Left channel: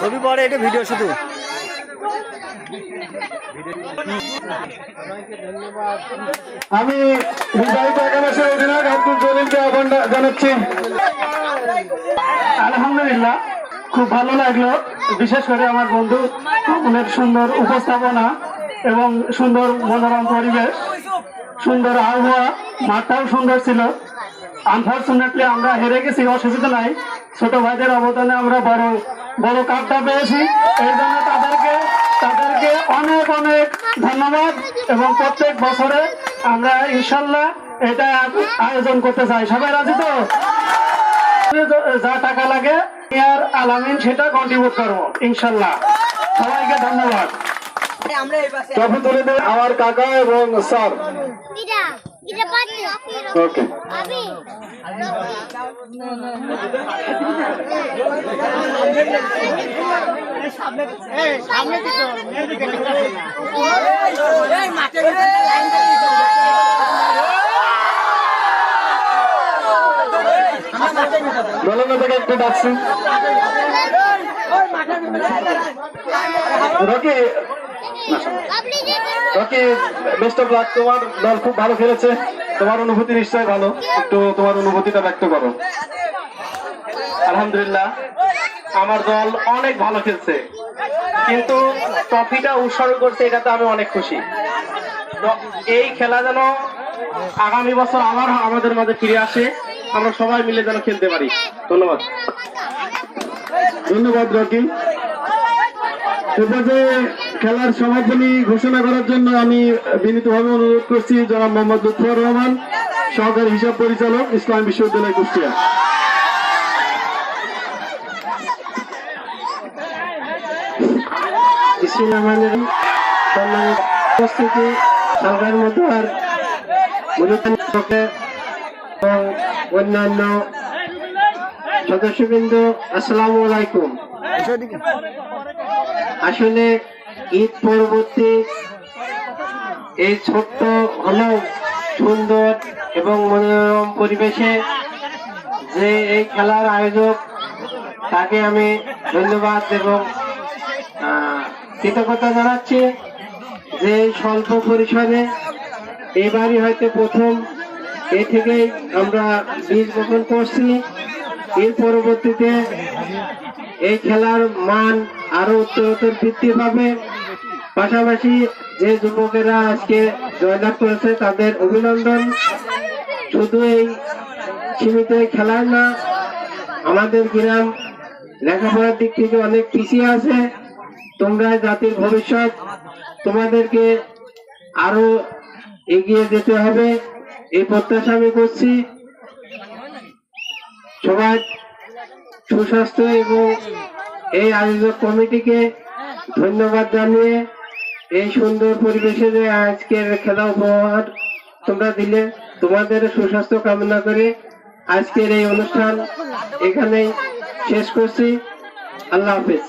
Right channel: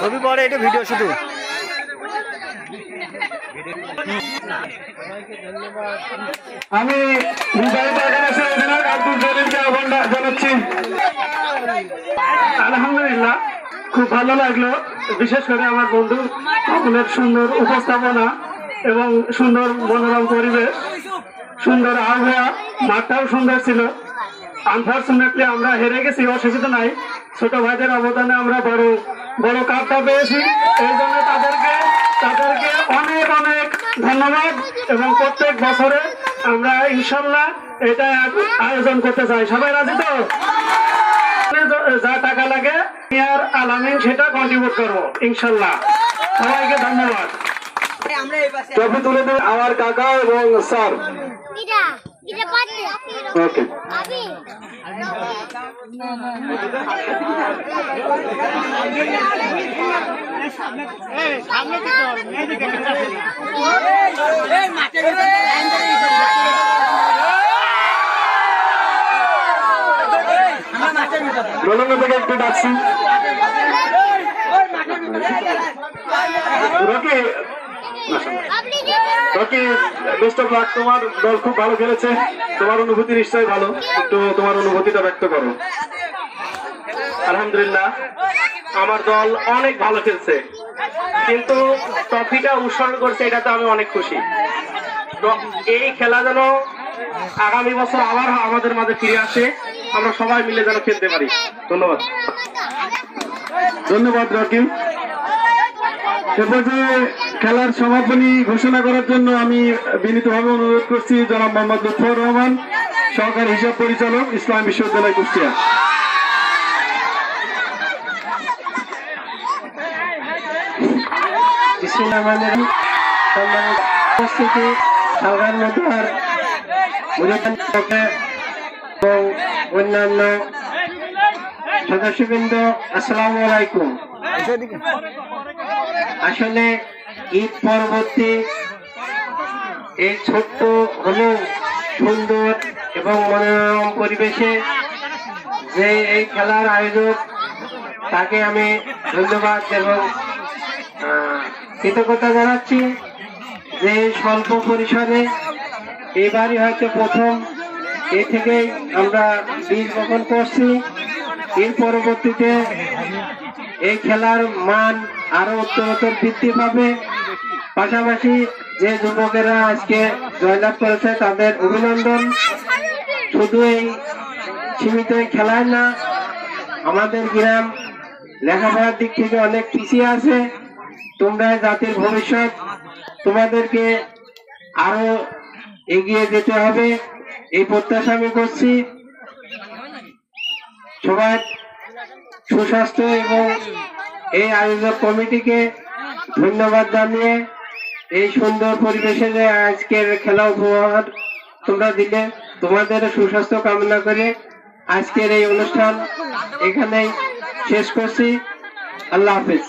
ছবি পরে এটা ভিডিও শুধু আমি আব্দুল জলিলকে আহ্বান জানাচ্ছি। আলহামদুলিল্লাহ, খুব ভালো লাগলো, বিশেষ করে আমার বন্ধু অনেক সুন্দর উপস্থাপনা এবং সুন্দর মনোরম পরিবেশ, সুন্দর আবহাওয়া, মাঠটাও সুন্দর ছিল। আনফর্চুনেটলি আমরা হেরে গেছি, অসুবিধা নাই, ছোট ভাইদের অবদানে আমরা বড় বড় কাপটা পেয়েছি। এই জন্য তাদেরকে অনেক অনেক ধন্যবাদ এবং প্রত্যেক বছরে আমরা ইনশাল্লাহ এটা আয়োজন করতে চাই। সবাই রাজি তো? যা টাকা লাগে আলামিন সেটা কন্ট্রিবিউট করবো ইনশাল্লাহ। সবাইকে ধন্যবাদ। ট্রফি তুলে দেন আমার কাকা এবং স্যার। ওকে, রোলঙ্গা থেকে একটু ডাকছি। বেস্ট অফ লাক, তোমার দল খুব ভালো খেলেছে, তোমার অনুভূতি নিশ্চয়ই ভালো, একটু তোমার অনুভূতিটা ব্যক্ত করো। আলহামদুলিল্লাহ, আমার দল অনেক ভালো খেলছে, কিন্তু ট্রফিটা উৎসর্গ করছে, এটাতে আমি অনেক খুশি। এই খেলা যেন আগামী বছর আবার আমাদের মাঝে ফিরে আসে, আমরা সবাই মিলে যেন খেলতে পারি। ধন্যবাদ। ধন্যবাদ রকিম। এরপরে খেলার সমাপনী ঘোষণা করার জন্য আমি বিনীতভাবে অনুরোধ করছি জনাব মোহাম্মদ লুৎফর রহমান, সহকারী হিসাব পরিচালক, ইসলাম বিশ্ববিদ্যালয়, কুষ্টিয়া। উপস্থিতি সবার মধ্যে আর অন্যান্য সদস্যবৃন্দ, আসসালামু আলাইকুম। আসলে ঈদ পরবর্তী এই ছোট্ট ঘন সুন্দর এবং মনোরম পরিবেশে যে এই খেলার আয়োজক, তাকে আমি ধন্যবাদ এবং কৃতজ্ঞতা জানাচ্ছি যে স্বল্প পরিসরে এবারই হয়তো প্রথম এ থেকেই আমরা বীজ বপন করছি। এর পরবর্তীতে এই খেলার মান আরো উত্তরোত্তর বৃদ্ধি পাবে। পাশাপাশি যে যুবকেরা আজকে জয়লাভ করেছে তাদের অভিনন্দন। শুধু এই সীমিত খেলায় না, আমাদের গ্রাম লেখাপড়ার দিক থেকে অনেক পিছিয়ে আছে। তোমরা জাতির ভবিষ্যৎ, তোমাদেরকে আরো এগিয়ে যেতে হবে, এই প্রত্যাশা আমি করছি। সবার সুস্বাস্থ্য এবং এই আয়োজক কমিটিকে ধন্যবাদ জানিয়ে এই সুন্দর পরিবেশে যে আজকের খেলা উপহার তোমরা দিলে, তোমাদের সুস্বাস্থ্য কামনা করে আজকের এই অনুষ্ঠান এখানে শেষ করছি। আল্লাহ হাফেজ।